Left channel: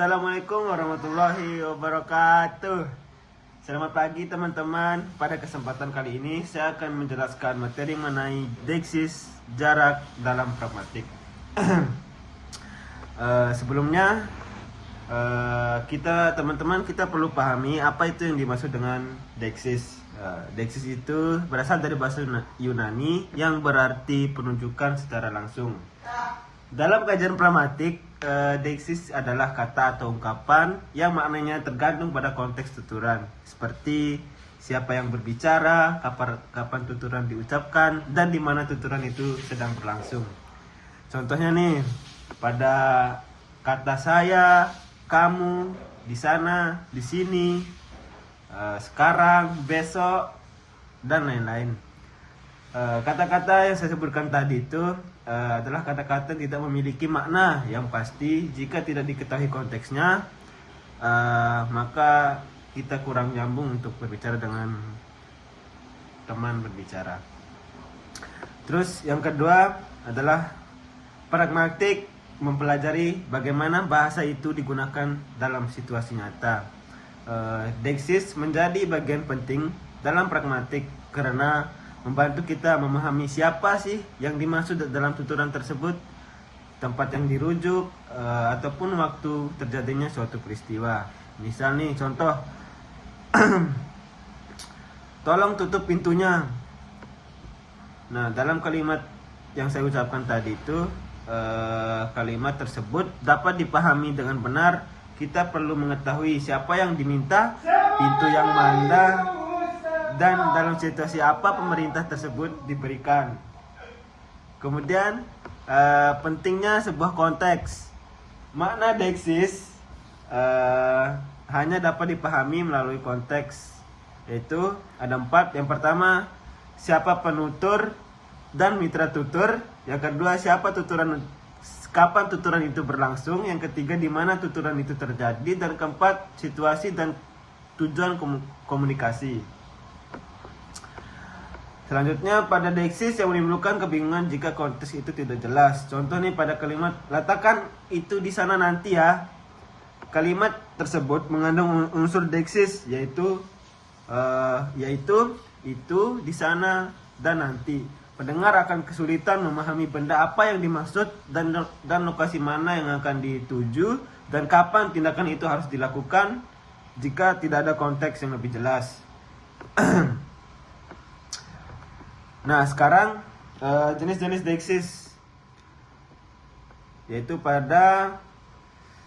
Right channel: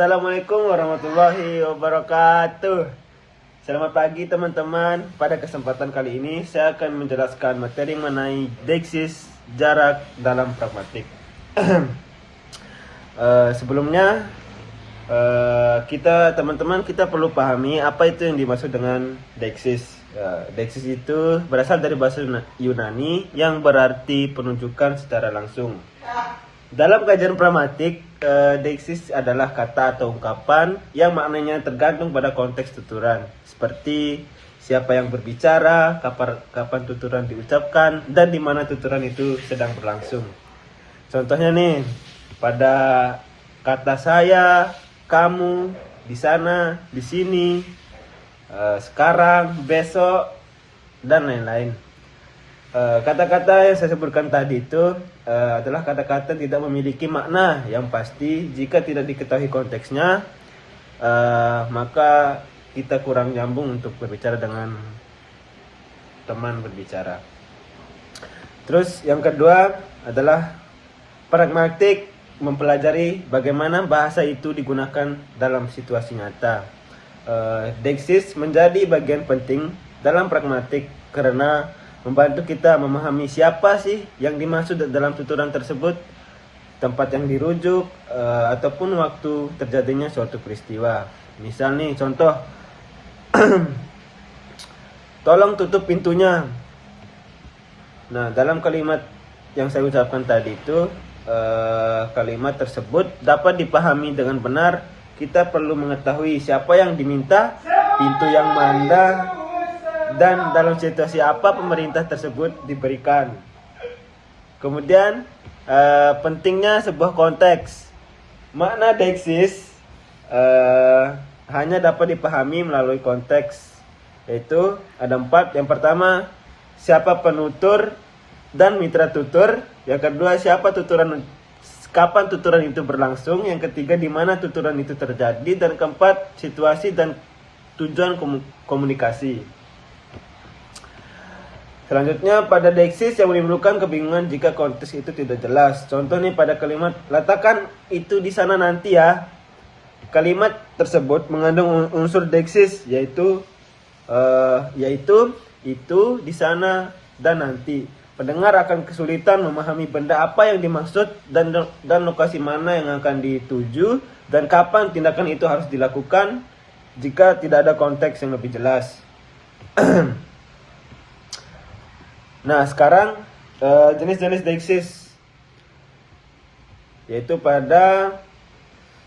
Assalamualaikum warahmatullahi wabarakatuh. Selamat pagi teman-teman. Pada kesempatan kali ini saya akan menjelaskan materi mengenai deiksis jarak dalam pragmatik. Sebelumnya kita perlu pahami apa itu yang dimaksud dengan deiksis. Deiksis itu berasal dari bahasa Yunani yang berarti penunjukan secara langsung. Dalam kajian pragmatik, deiksis adalah kata atau ungkapan yang maknanya tergantung pada konteks tuturan, seperti siapa yang berbicara, kapan tuturan diucapkan, dan di mana tuturan itu sedang berlangsung. Contohnya nih, pada kata saya, kamu, di sana, di sini, sekarang, besok, dan lain-lain. Kata-kata yang saya sebutkan tadi itu adalah kata-kata yang tidak memiliki makna yang pasti. Jika tidak diketahui konteksnya, maka kita kurang nyambung untuk berbicara dengan teman berbicara. Terus yang kedua adalah pragmatik, mempelajari bagaimana bahasa itu digunakan dalam situasi nyata. Deiksis menjadi bagian penting dalam pragmatik karena membantu kita memahami siapa sih yang dimaksud dalam tuturan tersebut, tempat yang dirujuk, ataupun waktu terjadinya suatu peristiwa. Misal nih contoh, tolong tutup pintunya. Nah, dalam kalimat yang saya ucapkan tadi itu, kalimat tersebut dapat dipahami dengan benar. Kita perlu mengetahui siapa yang diminta, pintu yang mana, dan dalam situasi apa pemerintah tersebut diberikan. Kemudian pentingnya sebuah konteks. Makna deiksis hanya dapat dipahami melalui konteks, yaitu ada 4. Yang pertama, siapa penutur dan mitra tutur. Yang kedua, kapan tuturan itu berlangsung. Yang ketiga, di mana tuturan itu terjadi. Dan keempat, situasi dan tujuan komunikasi. Selanjutnya, pada deiksis yang menimbulkan kebingungan jika konteks itu tidak jelas. Contoh nih pada kalimat, letakkan itu di sana nanti ya. Kalimat tersebut mengandung unsur deiksis, yaitu itu, di sana, dan nanti. Pendengar akan kesulitan memahami benda apa yang dimaksud dan lokasi mana yang akan dituju dan kapan tindakan itu harus dilakukan jika tidak ada konteks yang lebih jelas. Nah, sekarang jenis-jenis deiksis, yaitu pada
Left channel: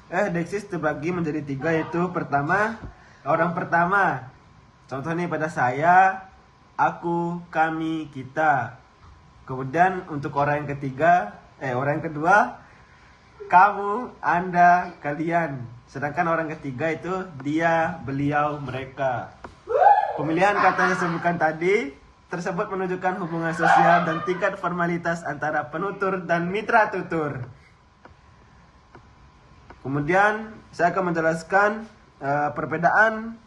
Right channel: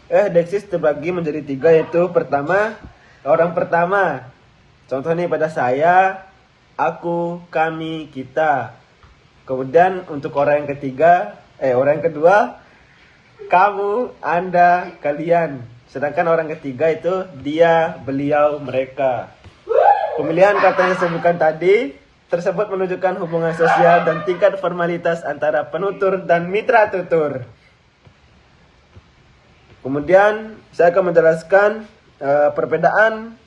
deiksis terbagi menjadi 3, yaitu pertama, orang pertama. Contoh nih pada saya, aku, kami, kita. Kemudian untuk orang yang kedua, kamu, anda, kalian. Sedangkan orang ketiga itu dia, beliau, mereka. Pemilihan kata yang disebutkan tadi tersebut menunjukkan hubungan sosial dan tingkat formalitas antara penutur dan mitra tutur. Kemudian saya akan menjelaskan perbedaan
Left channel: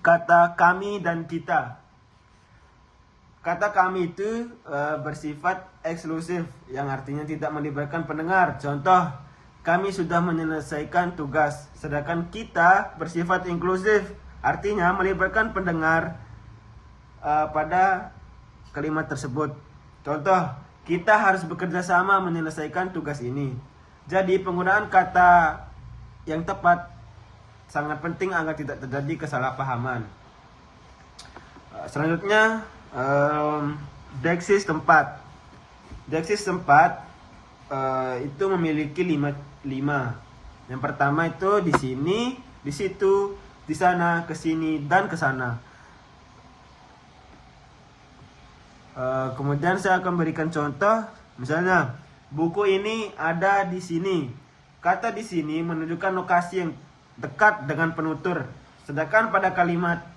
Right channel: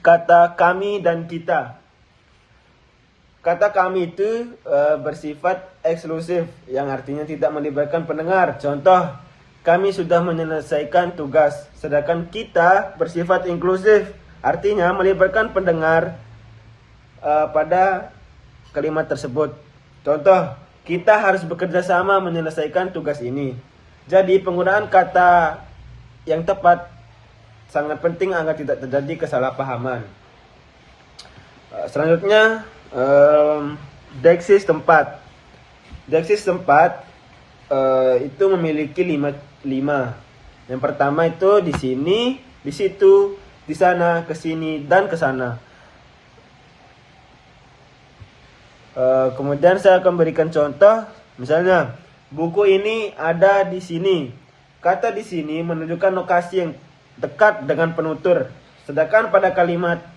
kata kami dan kita. Kata kami itu bersifat eksklusif, yang artinya tidak melibatkan pendengar. Contoh, kami sudah menyelesaikan tugas. Sedangkan kita bersifat inklusif, artinya melibatkan pendengar pada kalimat tersebut. Contoh, kita harus bekerja sama menyelesaikan tugas ini. Jadi penggunaan kata yang tepat sangat penting agar tidak terjadi kesalahpahaman. Selanjutnya, deiksis tempat. Deiksis tempat itu memiliki 5. Yang pertama itu di sini, di situ, di sana, ke sini, dan ke sana. Kemudian saya akan berikan contoh, misalnya buku ini ada di sini. Kata di sini menunjukkan lokasi yang dekat dengan penutur. Sedangkan pada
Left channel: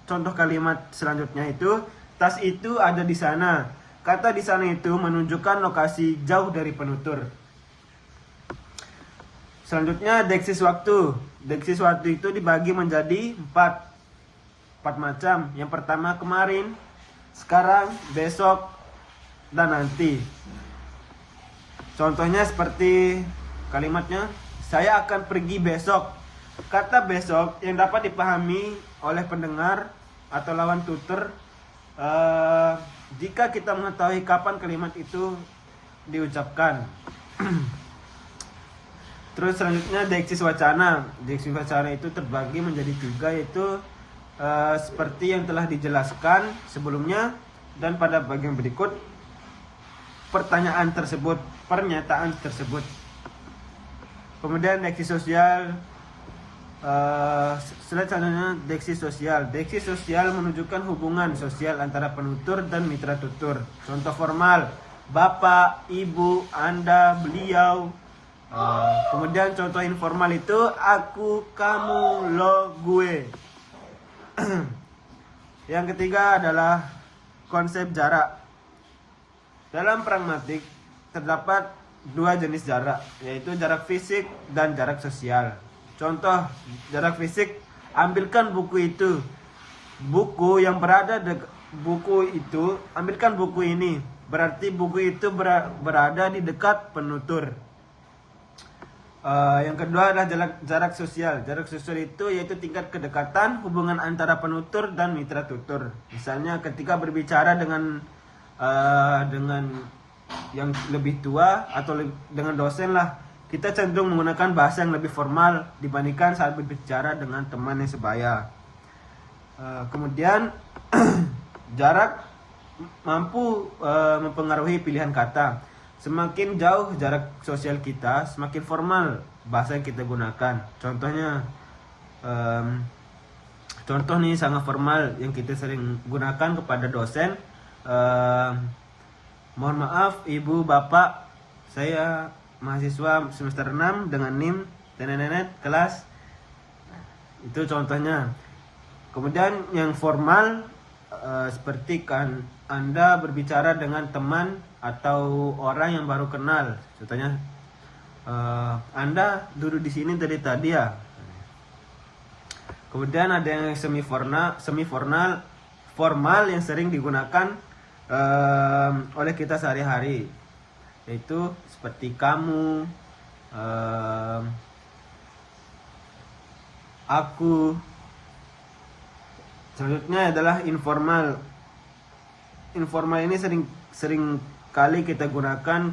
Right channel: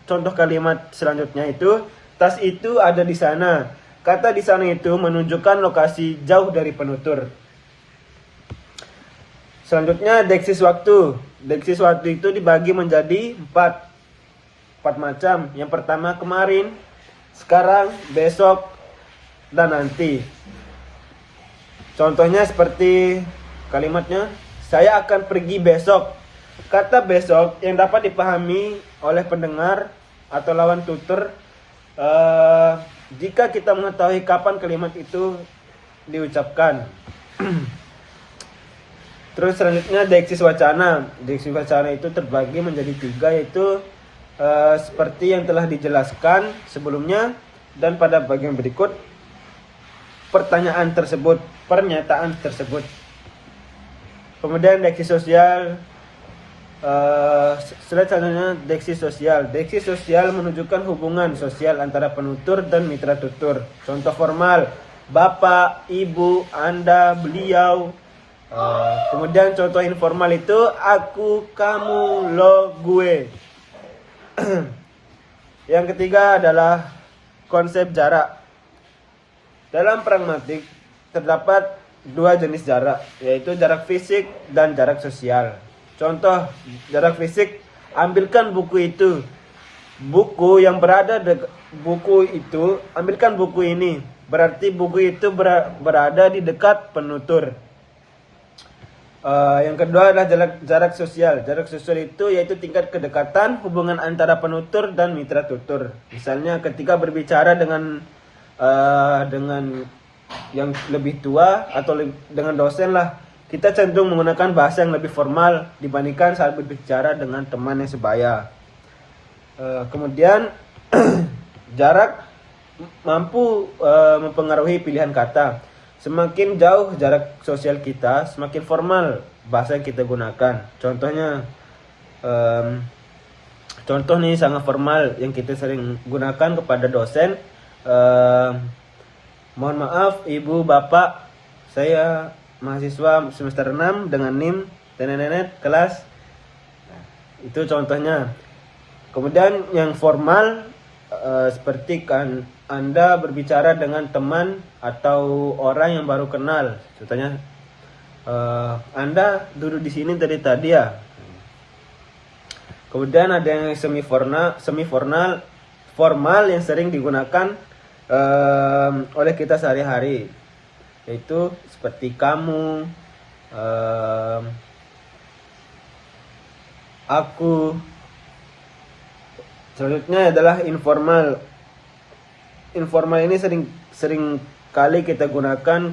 contoh kalimat selanjutnya itu, tas itu ada di sana. Kata di sana itu menunjukkan lokasi jauh dari penutur. Selanjutnya deiksis waktu. Deiksis waktu itu dibagi menjadi 4 macam. Yang pertama kemarin, sekarang, besok, dan nanti. Contohnya seperti kalimatnya, Saya akan pergi besok. Kata besok yang dapat dipahami oleh pendengar atau lawan tutur jika kita mengetahui kapan kalimat itu diucapkan. Terus selanjutnya deiksis wacana. Deiksis wacana itu terbagi menjadi 3, yaitu seperti yang telah dijelaskan sebelumnya, dan pada bagian berikut pertanyaan tersebut, pernyataan tersebut. Kemudian deiksis sosial. Slide selanjutnya deiksis sosial. Deiksis sosial menunjukkan hubungan sosial antara penutur dan mitra tutur. Contoh formal: bapak, ibu, anda, beliau. Kemudian contoh informal itu aku, kamu, lo, gue. Yang ketiga adalah konsep jarak. Dalam pragmatik terdapat 2 jenis jarak, yaitu jarak fisik dan jarak sosial. Contoh jarak fisik: ambilkan buku itu. Buku yang berada buku itu, ambilkan buku ini. Berarti buku itu berada di dekat penutur. Yang kedua adalah jarak sosial. Jarak sosial itu yaitu tingkat kedekatan hubungan antara penutur dan mitra tutur. Misalnya ketika berbicara dengan yang lebih tua atau dengan dosen lah, kita cenderung menggunakan bahasa yang lebih formal dibandingkan saat berbicara dengan teman yang sebaya. Kemudian jarak mampu mempengaruhi pilihan kata. Semakin jauh jarak sosial kita, semakin formal bahasa yang kita gunakan. Contoh nih sangat formal yang kita sering gunakan kepada dosen. Mohon maaf ibu bapak, saya mahasiswa semester 6 dengan NIM tenenet kelas. Nah, itu contohnya. Kemudian yang formal seperti kan Anda berbicara dengan teman atau orang yang baru kenal. Contohnya Anda duduk di sini dari tadi ya. Kemudian ada yang formal yang sering digunakan oleh kita sehari-hari, yaitu seperti kamu, aku. Selanjutnya adalah informal. Informal ini sering kali kita gunakan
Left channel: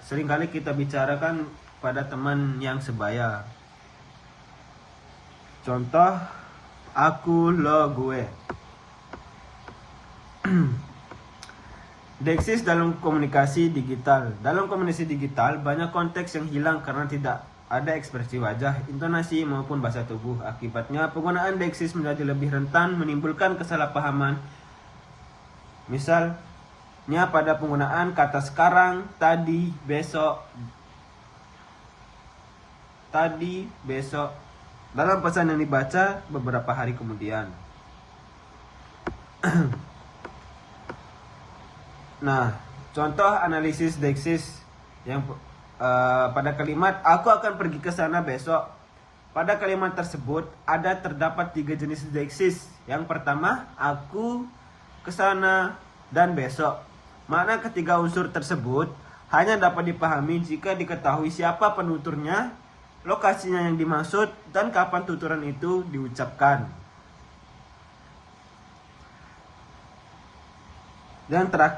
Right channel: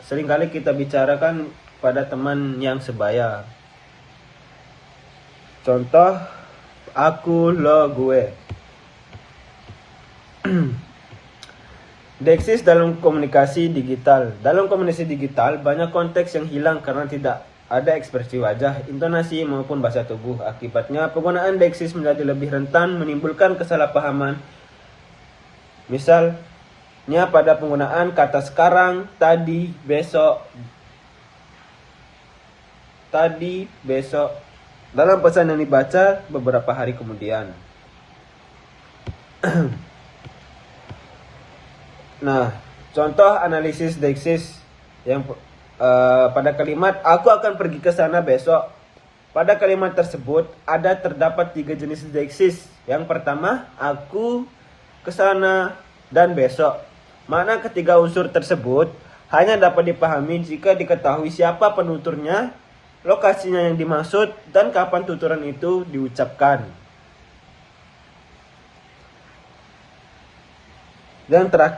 sering kali kita bicarakan pada teman yang sebaya. Contoh aku, lo, gue. Deiksis dalam komunikasi digital. Dalam komunikasi digital banyak konteks yang hilang karena tidak ada ekspresi wajah, intonasi maupun bahasa tubuh. Akibatnya penggunaan deiksis menjadi lebih rentan menimbulkan kesalahpahaman. Misalnya pada penggunaan kata sekarang, tadi, besok dalam pesan yang dibaca beberapa hari kemudian. Nah, contoh analisis deiksis yang pada kalimat aku akan pergi ke sana besok. Pada kalimat tersebut terdapat 3 jenis deiksis. Yang pertama, aku, ke sana, dan besok. Makna ketiga unsur tersebut hanya dapat dipahami jika diketahui siapa penuturnya, lokasinya yang dimaksud, dan kapan tuturan itu diucapkan. Dan terakhir